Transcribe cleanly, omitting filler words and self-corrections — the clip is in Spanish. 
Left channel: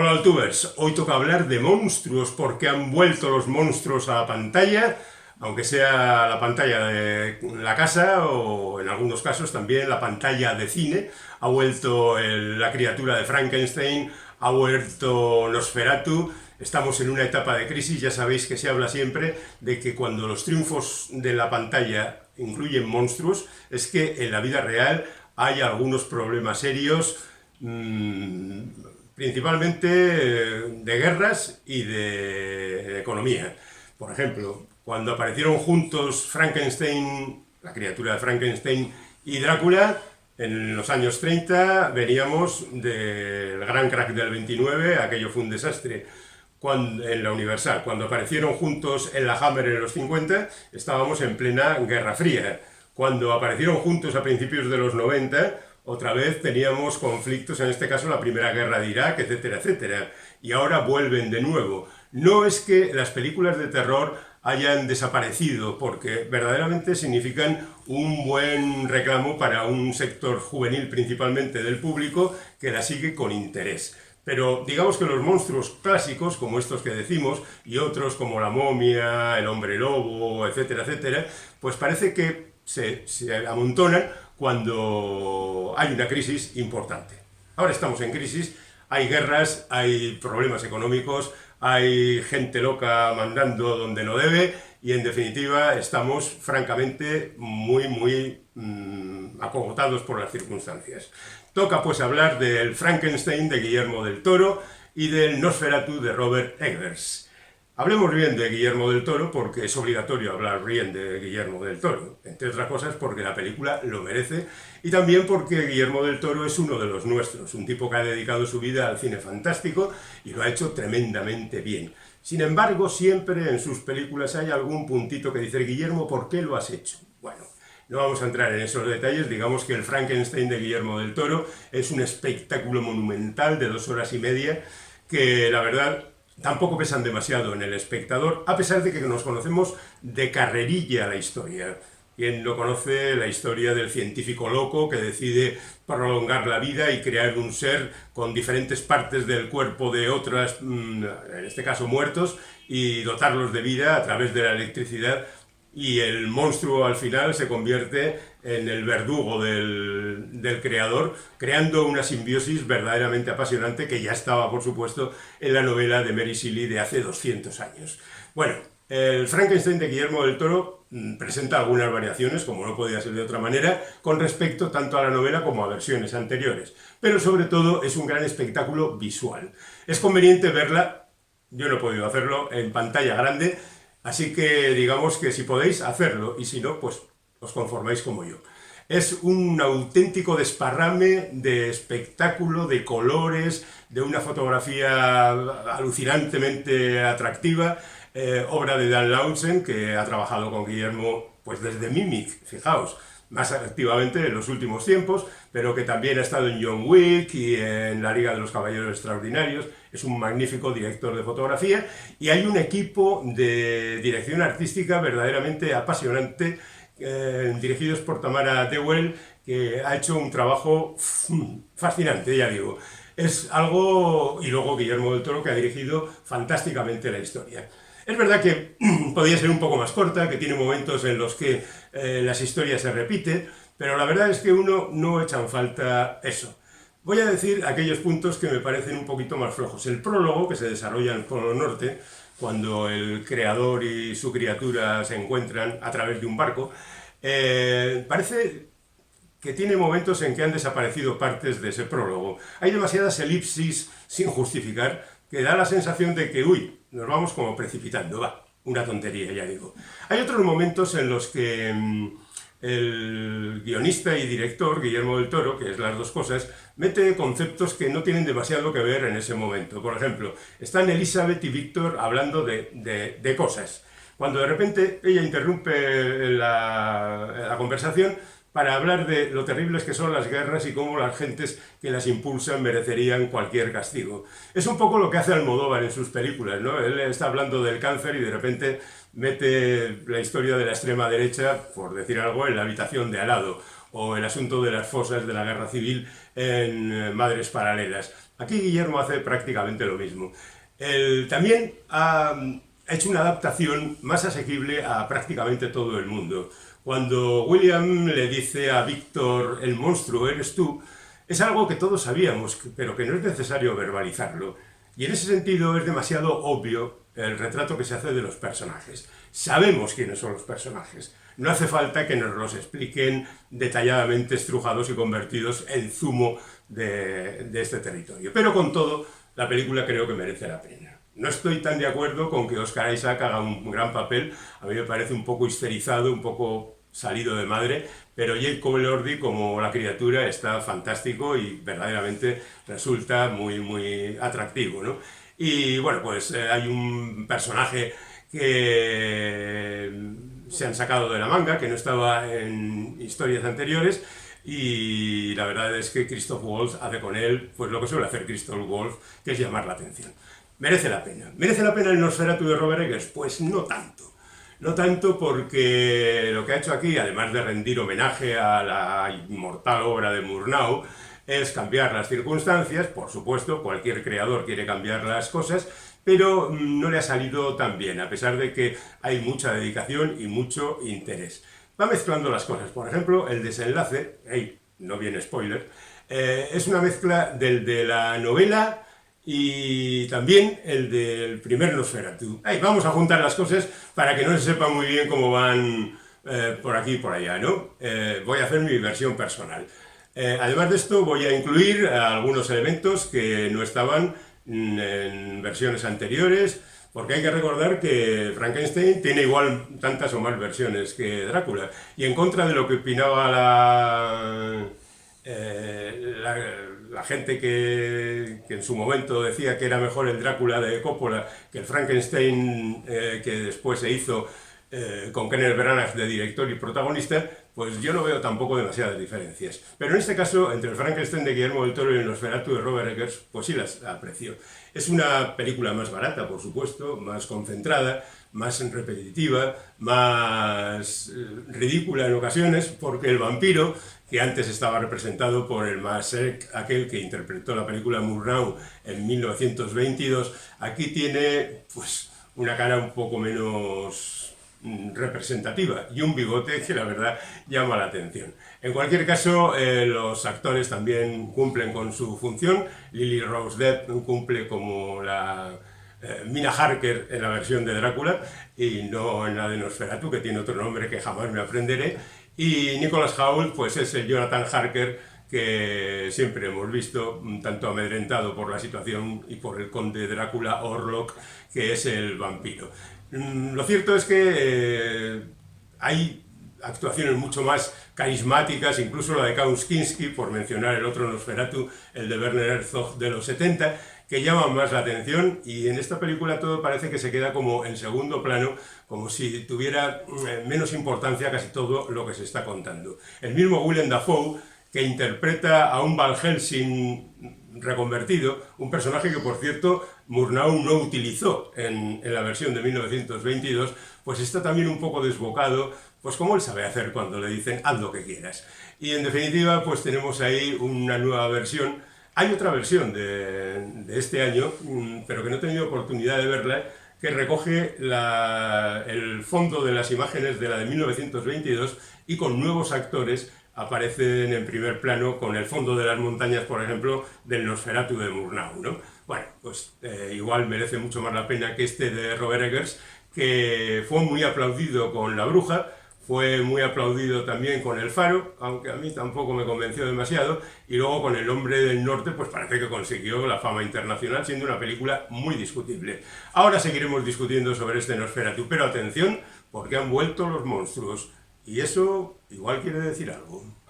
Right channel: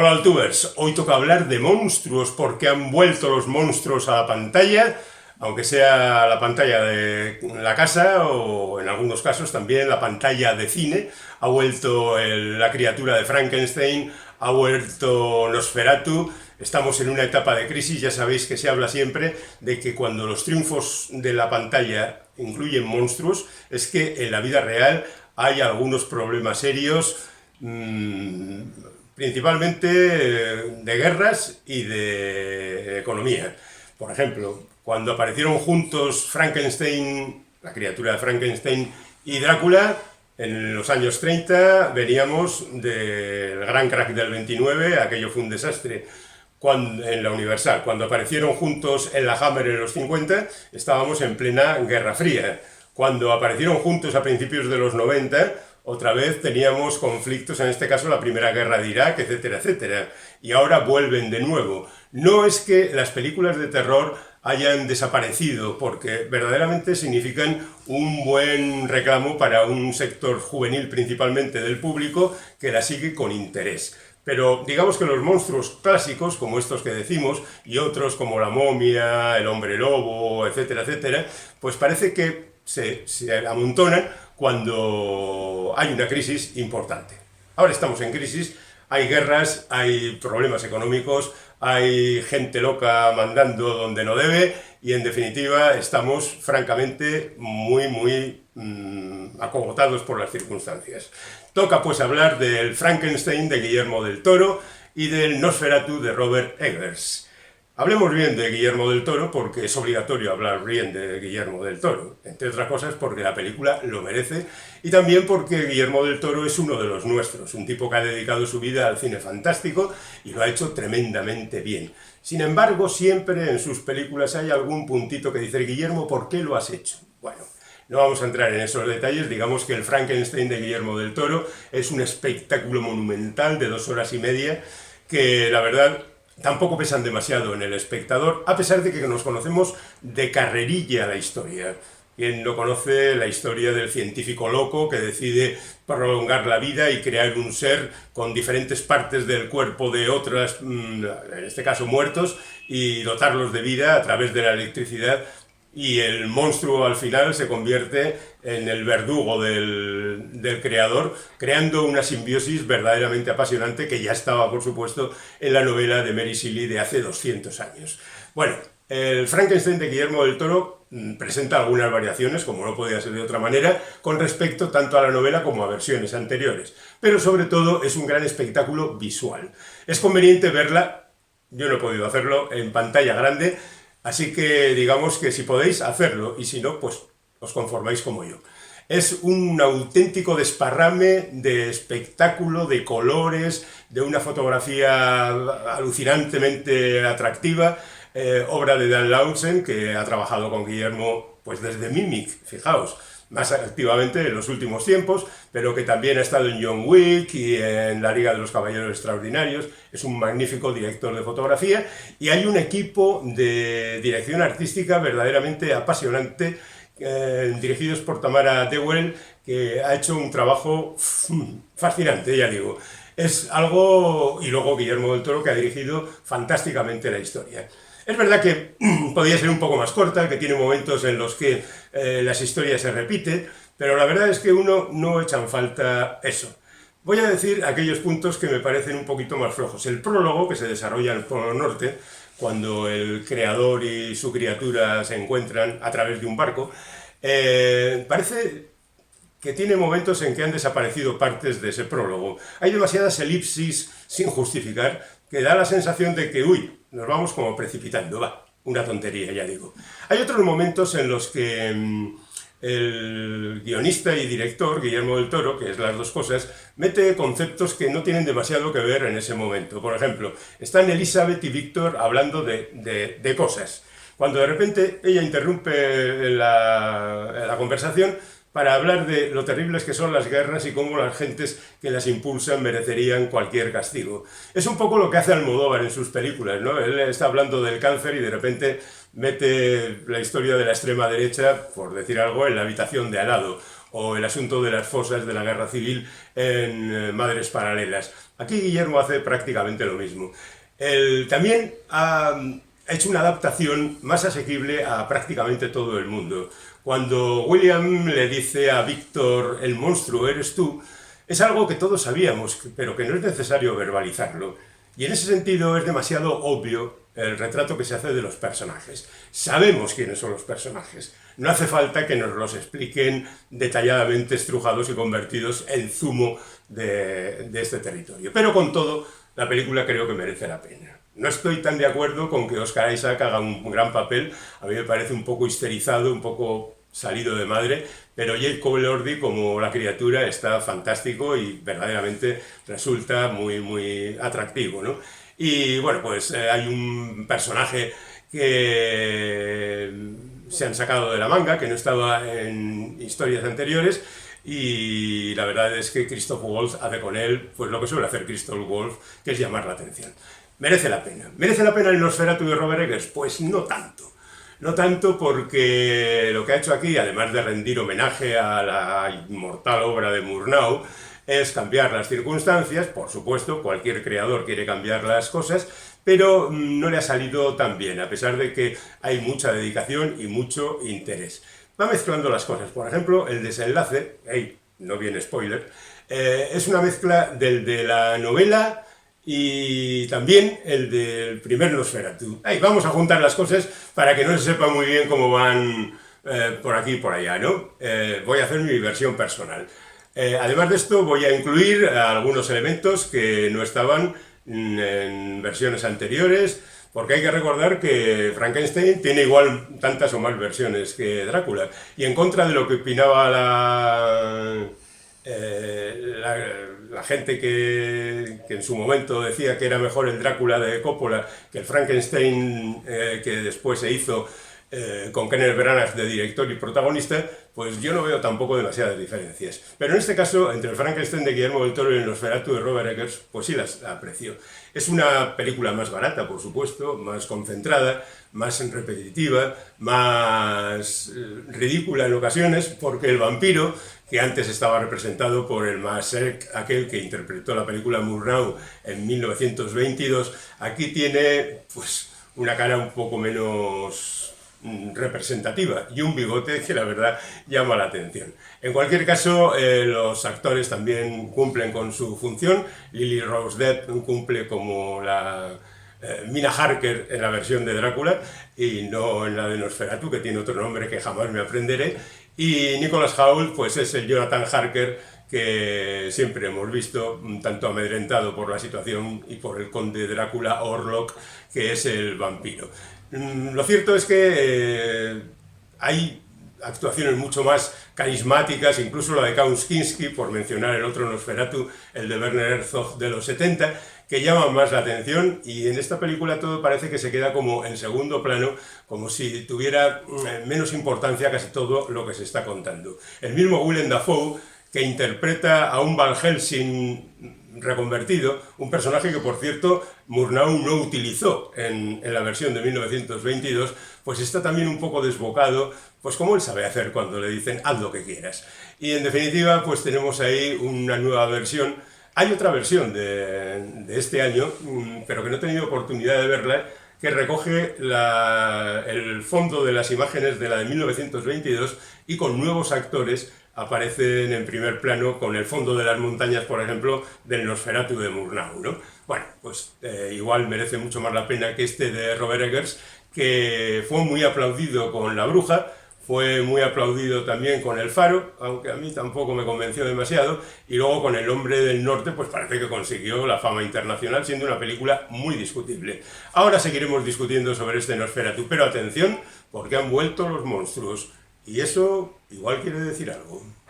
Hola Altubers, hoy toca hablar de monstruos porque han vuelto los monstruos a la pantalla, aunque sea la pantalla de la casa o en algunos casos también la pantalla de cine. Ha vuelto la criatura de Frankenstein, ha vuelto Nosferatu. Estamos en una etapa de crisis, ya sabéis que se habla siempre de que cuando los triunfos de la pantalla incluyen monstruos, es que en la vida real hay algunos problemas serios, principalmente de guerras y de economía. Por ejemplo, cuando aparecieron juntos Frankenstein, la criatura de Frankenstein y Drácula, en los años 30 veníamos del gran crack del 29, aquello fue un desastre. En la Universal, cuando aparecieron juntos en la Hammer en los 50, estábamos en plena Guerra Fría. Cuando aparecieron juntos a principios de los 90, otra vez teníamos conflictos, en este caso la Primera Guerra de Irak, etcétera, etcétera. Y ahora vuelven de nuevo. No es que las películas de terror hayan desaparecido, porque verdaderamente significan un buen reclamo para un sector juvenil, principalmente del público, que la sigue con interés. Pero digamos que los monstruos clásicos, como estos que decimos, y otros como la momia, el hombre lobo, etcétera, etcétera, pues parece que se amontonan cuando hay una crisis importante. Ahora estamos en crisis, hay guerras, hay problemas económicos, hay gente loca mandando donde no debe y en definitiva estamos francamente muy acogotados por las circunstancias. Toca pues hablar del Frankenstein de Guillermo del Toro y del Nosferatu de Robert Eggers. Hablemos bien de Guillermo del Toro porque es obligatorio hablar bien de Guillermo del Toro, entre otras cosas porque la película lo merece y también porque Guillermo del Toro es uno de los nuestros, un tipo que ha dedicado su vida al cine fantástico y lo ha hecho tremendamente bien. Sin embargo, siempre en sus películas hay algún puntito que dice: Guillermo, ¿por qué lo has hecho? Bueno, no vamos a entrar en esos detalles, digamos que el Frankenstein de Guillermo del Toro es un espectáculo monumental de 2 horas y media que la verdad tampoco pesan demasiado en el espectador, a pesar de que nos conocemos de carrerilla la historia. Quien no conoce la historia del científico loco que decide prolongar la vida y crear un ser con diferentes partes del cuerpo de otras, en este caso muertos, y dotarlos de vida a través de la electricidad, y el monstruo al final se convierte en el verdugo del creador, creando una simbiosis verdaderamente apasionante que ya estaba, por supuesto, en la novela de Mary Shelley de hace 200 años. Bueno, el Frankenstein de Guillermo del Toro presenta algunas variaciones, como no podía ser de otra manera, con respecto tanto a la novela como a versiones anteriores, pero sobre todo es un gran espectáculo visual. Es conveniente verla, yo no he podido hacerlo, en pantalla grande, así que digamos que si podéis, hacerlo, y si no, pues os conformáis como yo. Es un auténtico desparrame de espectáculo, de colores, de una fotografía alucinantemente atractiva, obra de Dan Laursen, que ha trabajado con Guillermo pues desde Mimic, fijaos, más activamente en los últimos tiempos, pero que también ha estado en John Wick y en la Liga de los Caballeros Extraordinarios. Es un magnífico director de fotografía y hay un equipo de dirección artística verdaderamente apasionante, dirigidos por Tamara Dewell, que ha hecho un trabajo fascinante, ya digo. Es algo, y luego Guillermo del Toro, que ha dirigido fantásticamente la historia. Es verdad que podría ser un poco más corta, que tiene momentos en los que las historias se repiten, pero la verdad es que uno no echa en falta eso. Voy a decir aquellos puntos que me parecen un poquito más flojos. El prólogo, que se desarrolla en el Polo Norte, cuando el creador y su criatura se encuentran a través de un barco, parece que tiene momentos en que han desaparecido partes de ese prólogo. Hay demasiadas elipsis sin justificar, que da la sensación de que, nos vamos como precipitando, una tontería, ya digo. Hay otros momentos en los que el guionista y director, Guillermo del Toro, que es las dos cosas, mete conceptos que no tienen demasiado que ver en ese momento. Por ejemplo, están Elizabeth y Víctor hablando de cosas. Cuando de repente ella interrumpe la conversación para hablar de lo terribles que son las guerras y cómo las gentes que las impulsan merecerían cualquier castigo. Es un poco lo que hace Almodóvar en sus películas, ¿no? Él está hablando del cáncer y de repente mete la historia de la extrema derecha, por decir algo, en la habitación de al lado. o el asunto de las fosas de la guerra civil en Madres Paralelas. Aquí Guillermo hace prácticamente lo mismo. Él también ha hecho una adaptación más asequible a prácticamente todo el mundo. Cuando William le dice a Víctor, el monstruo eres tú, es algo que todos sabíamos, pero que no es necesario verbalizarlo. Y en ese sentido es demasiado obvio el retrato que se hace de los personajes. Sabemos quiénes son los personajes. No hace falta que nos los expliquen detalladamente estrujados y convertidos en zumo de este territorio. Pero con todo, la película creo que merece la pena. No estoy tan de acuerdo con que Oscar Isaac haga un gran papel. A mí me parece un poco histerizado, un poco salido de madre, pero Jacob Elordi como la criatura está fantástico y verdaderamente resulta muy, muy atractivo, ¿no? Y bueno, pues hay un personaje que se han sacado de la manga, que no estaba en historias anteriores, y la verdad es que Christoph Waltz hace con él pues lo que suele hacer Christoph Waltz, que es llamar la atención. Merece la pena. ¿Merece la pena el Nosferatu de Robert Eggers? Pues no tanto. No tanto porque lo que ha hecho aquí, además de rendir homenaje a la inmortal obra de Murnau, es cambiar las circunstancias. Por supuesto, cualquier creador quiere cambiar las cosas, pero no le ha salido tan bien, a pesar de que hay mucha dedicación y mucho interés. Va mezclando las cosas. Por ejemplo, el desenlace, no viene spoiler, es una mezcla del de la novela y también el del primer Nosferatu. Vamos a juntar las cosas para que no se sepa muy bien cómo van por aquí y por allá, ¿no? Voy a hacer mi versión personal. Además de esto, voy a incluir algunos elementos que no estaban en versiones anteriores, porque hay que recordar que Frankenstein tiene igual tantas o más versiones que Drácula. Y en contra de lo que opinaba la gente que en su momento decía que era mejor el Drácula de Coppola que el Frankenstein que después se hizo con Kenneth Branagh de director y protagonista, pues yo no veo tampoco demasiadas diferencias. Pero en este caso, entre el Frankenstein de Guillermo del Toro y el Nosferatu de Robert Eggers, pues sí las aprecio. Es una película más barata, por supuesto, más concentrada, más repetitiva, más ridícula en ocasiones, porque el vampiro, que antes estaba representado por el Masek, aquel que interpretó la película Murnau en 1922, aquí tiene pues una cara un poco menos representativa y un bigote que la verdad llama la atención. En cualquier caso, los actores también cumplen con su función. Lily Rose Depp cumple como la Mina Harker en la versión de Drácula y no en la de Nosferatu, que tiene otro nombre que jamás me aprenderé. Y Nicholas Hoult pues es el Jonathan Harker que siempre hemos visto, un tanto amedrentado por la situación y por el conde Drácula Orlok, que es el vampiro. Lo cierto es que hay actuaciones mucho más carismáticas, incluso la de Klaus Kinski, por mencionar el otro Nosferatu, el de Werner Herzog de los 70, que llaman más la atención, y en esta película todo parece que se queda como en segundo plano, como si tuviera menos importancia casi todo lo que se está contando. El mismo Willem Dafoe, que interpreta a un Van Helsing reconvertido, un personaje que, por cierto, Murnau no utilizó en la versión de 1922, pues está también un poco desbocado, pues como él sabe hacer cuando le dicen haz lo que quieras. Y en definitiva, pues tenemos ahí una nueva versión. Hay otra versión de este año, pero que no he tenido oportunidad de verla, que recoge el fondo de las imágenes de la de 1922 y con nuevos actores aparecen en primer plano con el fondo de las montañas, por ejemplo, del Nosferatu de Murnau, ¿no? Bueno, pues igual merece mucho más la pena que este de Robert Eggers, que fue muy aplaudido con La Bruja, fue muy aplaudido también con El Faro, aunque a mí tampoco me convenció demasiado, y luego con El Hombre del Norte, pues parece que consiguió la fama internacional, siendo una película muy discutible. Ahora seguiremos discutiendo sobre este Nosferatu, pero atención, porque han vuelto los monstruos. Y eso igual quiere decir algo.